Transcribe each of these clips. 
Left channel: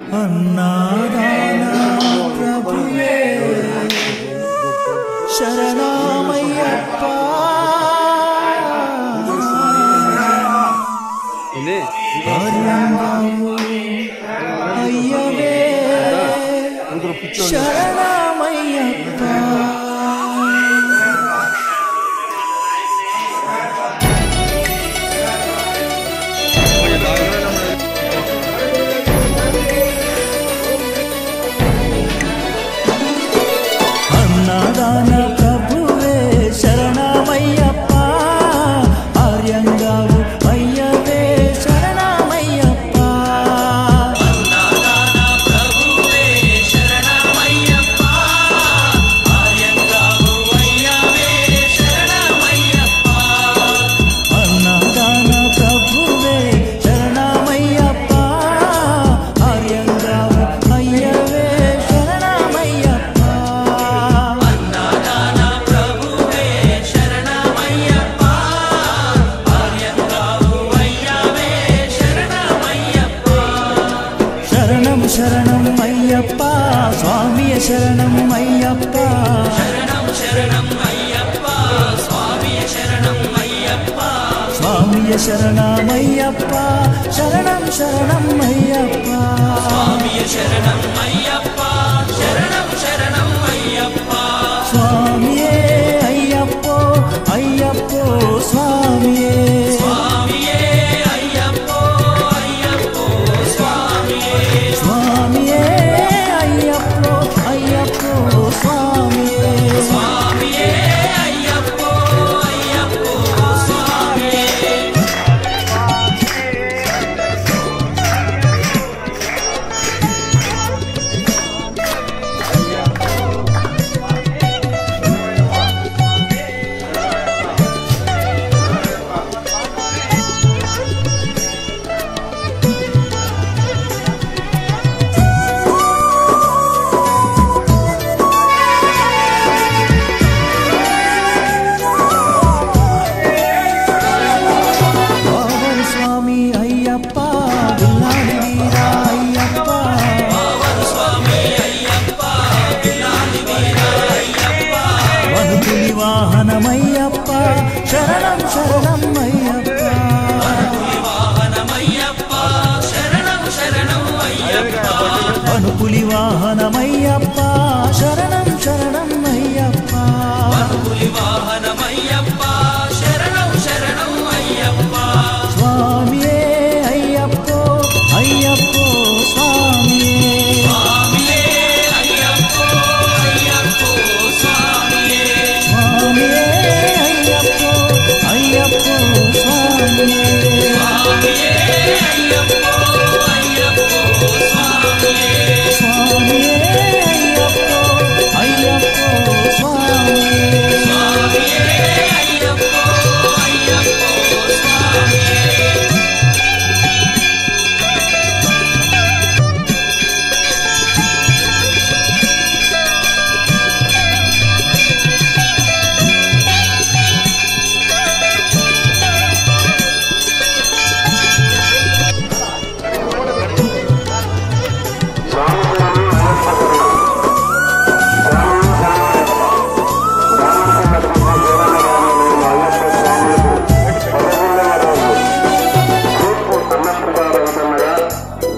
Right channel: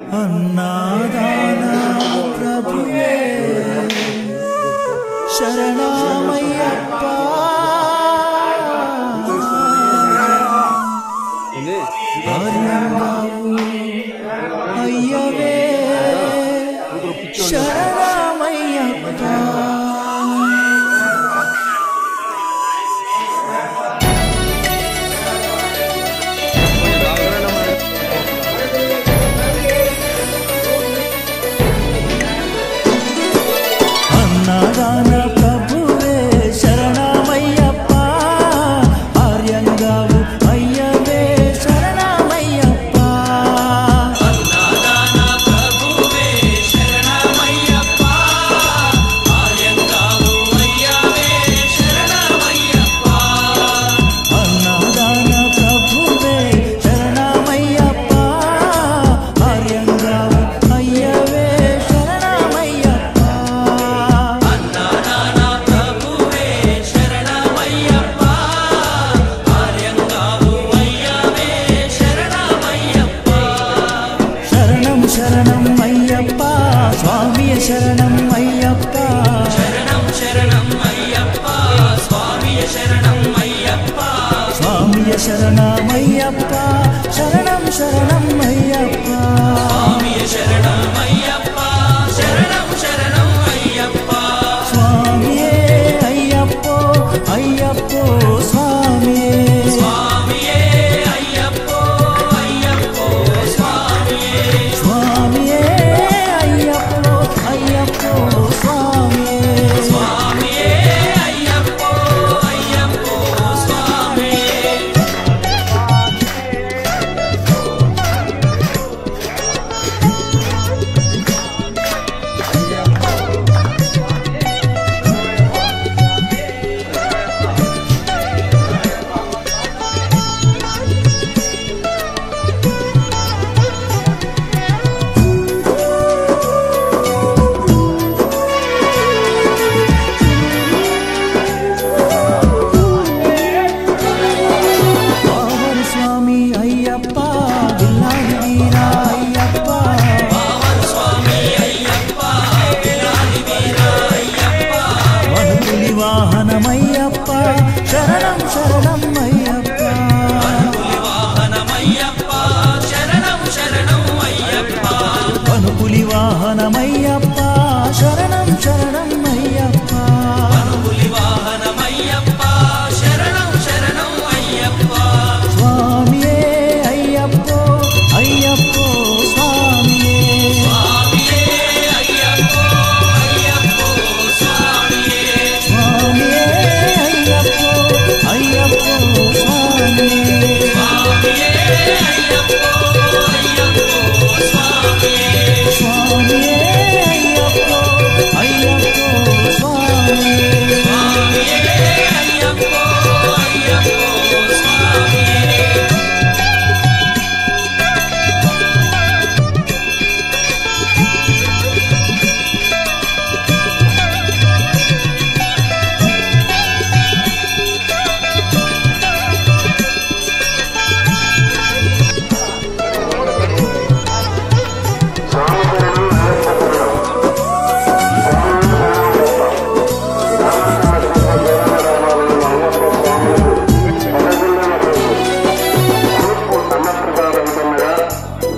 अन्नादाना प्रभुवे शरणमय्यप्पा आर्यंगावु अय्यवे शरणमय्यप्पा अन्नदान प्रभुवे शरणमय्यप्पा आर्यंगावु अय्यवे शरणमय्यप्पा अन्नदान प्रभुवे शरणमय्यप्पा आर्यंगावु अय्यवे शरणमय्यप्पा अन्नदान प्रभुवे शरणमय्यप्पा आर्यंगावु अय्यवे शरणं अय्यप्पा स्वामी शरणं अय्यप्पा शरणं अय्यप्पा स्वामी शरणं अय्यप्पा स्वामी शरणं अय्यप्पा शरणं अय्यप्पा स्वामी शरणं अय्यप्पा शरणं अय्यप्पा स्वामी अय्यप्पो अय्यप्पो स्वामी अय्यप्पो स्वामी स्वामी अय्यप्पो अय्यप्पो स्वामी स्वामी अय्यप्पा बिल्लारी वीरा अय्यप्पा स्वामी अय्यप्पा बिल्लारी वीरा अय्यप्पा वनुपुलि वाहनमय्यप्पा शरणं अय्यप्पा वनुपुलि वाहनमय्यप्पा शरणं अय्यप्पा स्वामी अय्यप्पो अय्यप्पो स्वामी स्वामी अय्यप्पो अय्यप्पो स्वामी स्वामी अय्यप्पो अय्यप्पो स्वामी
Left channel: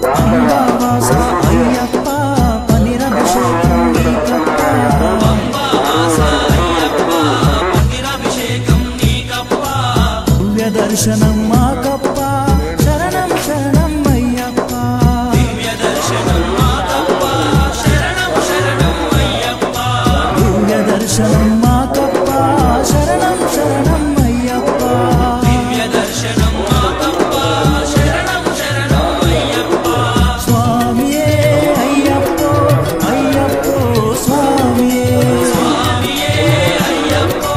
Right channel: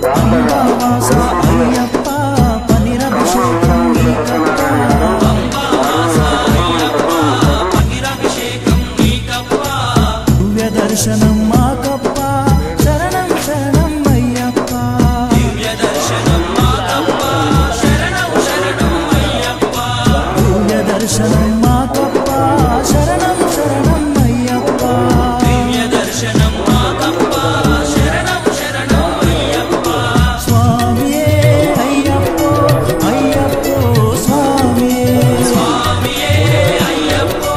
अंबावासा अय्यप्पा पनिरभिषेकं नीकप्पा दिव्य दर्शनं माकप्पा शरणं अय्यप्पा दिव्य दर्शनं माकप्पा शरणं अय्यप्पा स्वामी अय्यप्पो अय्यप्पो स्वामी स्वामी अय्यप्पो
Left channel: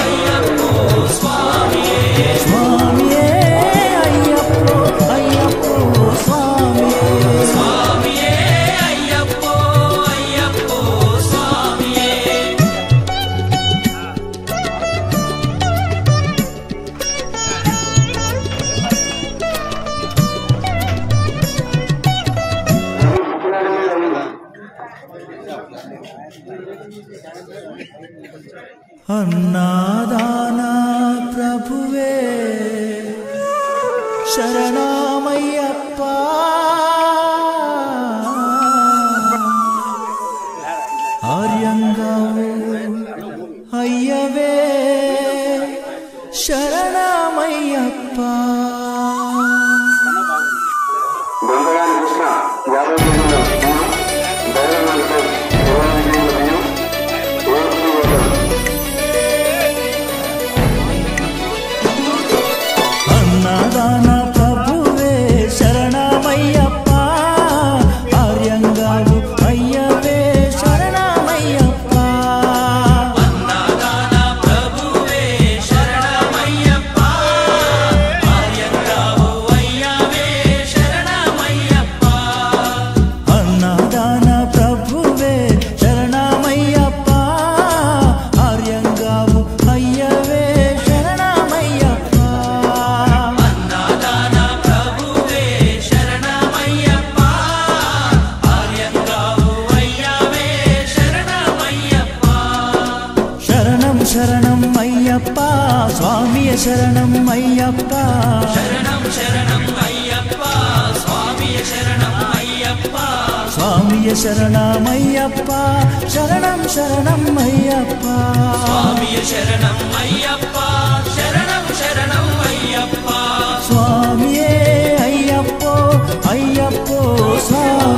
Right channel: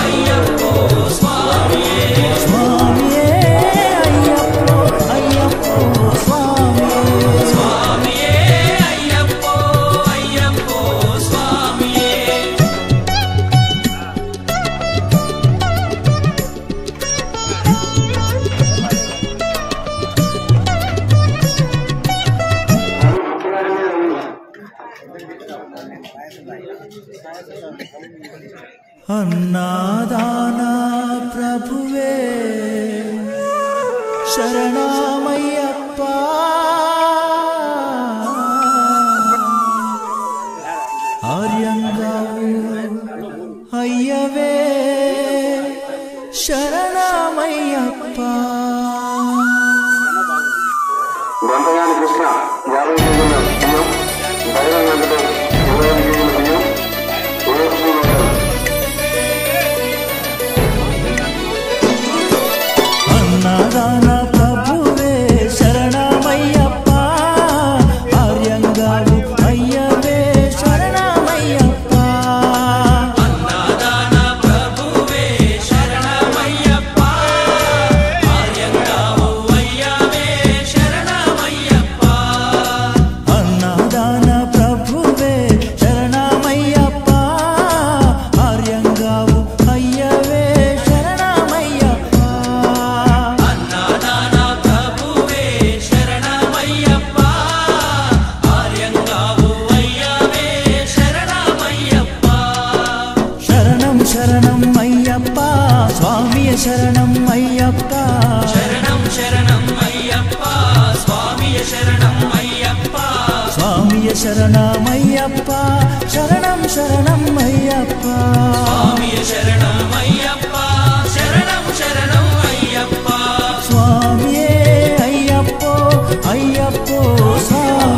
अय्यप्पो स्वामी स्वामी अय्यप्पो अय्यप्पो स्वामी स्वामी अय्यप्पो अय्यप्पो स्वामी అన్నాదానా ప్రభువే శరణమయ్యప్ప ఆర్యంగావు అయ్యవే శరణమయ్యప్ప అన్నదాన ప్రభువే శరణమయ్యప్ప ఆర్యంగావు అయ్యవే శరణమయ్యప్ప అన్నదాన ప్రభువే శరణమయ్యప్ప ఆర్యంగావు అయ్యవే శరణమయ్యప్ప అన్నదాన ప్రభువే శరణమయ్యప్ప ఆర్యంగావు అయ్యవే శరణమయ్యప్ప అన్నదాన ప్రభువే శరణమయ్యప్ప ఆర్యంగావు అయ్యవే శరణమయ్యప్ప శరణం శరణం అయ్యప్ప స్వామియ శరణం అయ్యప్ప శరణం శరణం అయ్యప్ప స్వామియ శరణం అయ్యప్ప స్వామియ శరణమయ్యప్ప శరణం శరణం అయ్యప్ప స్వామియ శరణం అయ్యప్ప శరణం శరణం అయ్యప్ప స్వామియే అయ్యప్పో అయ్యప్పో స్వామి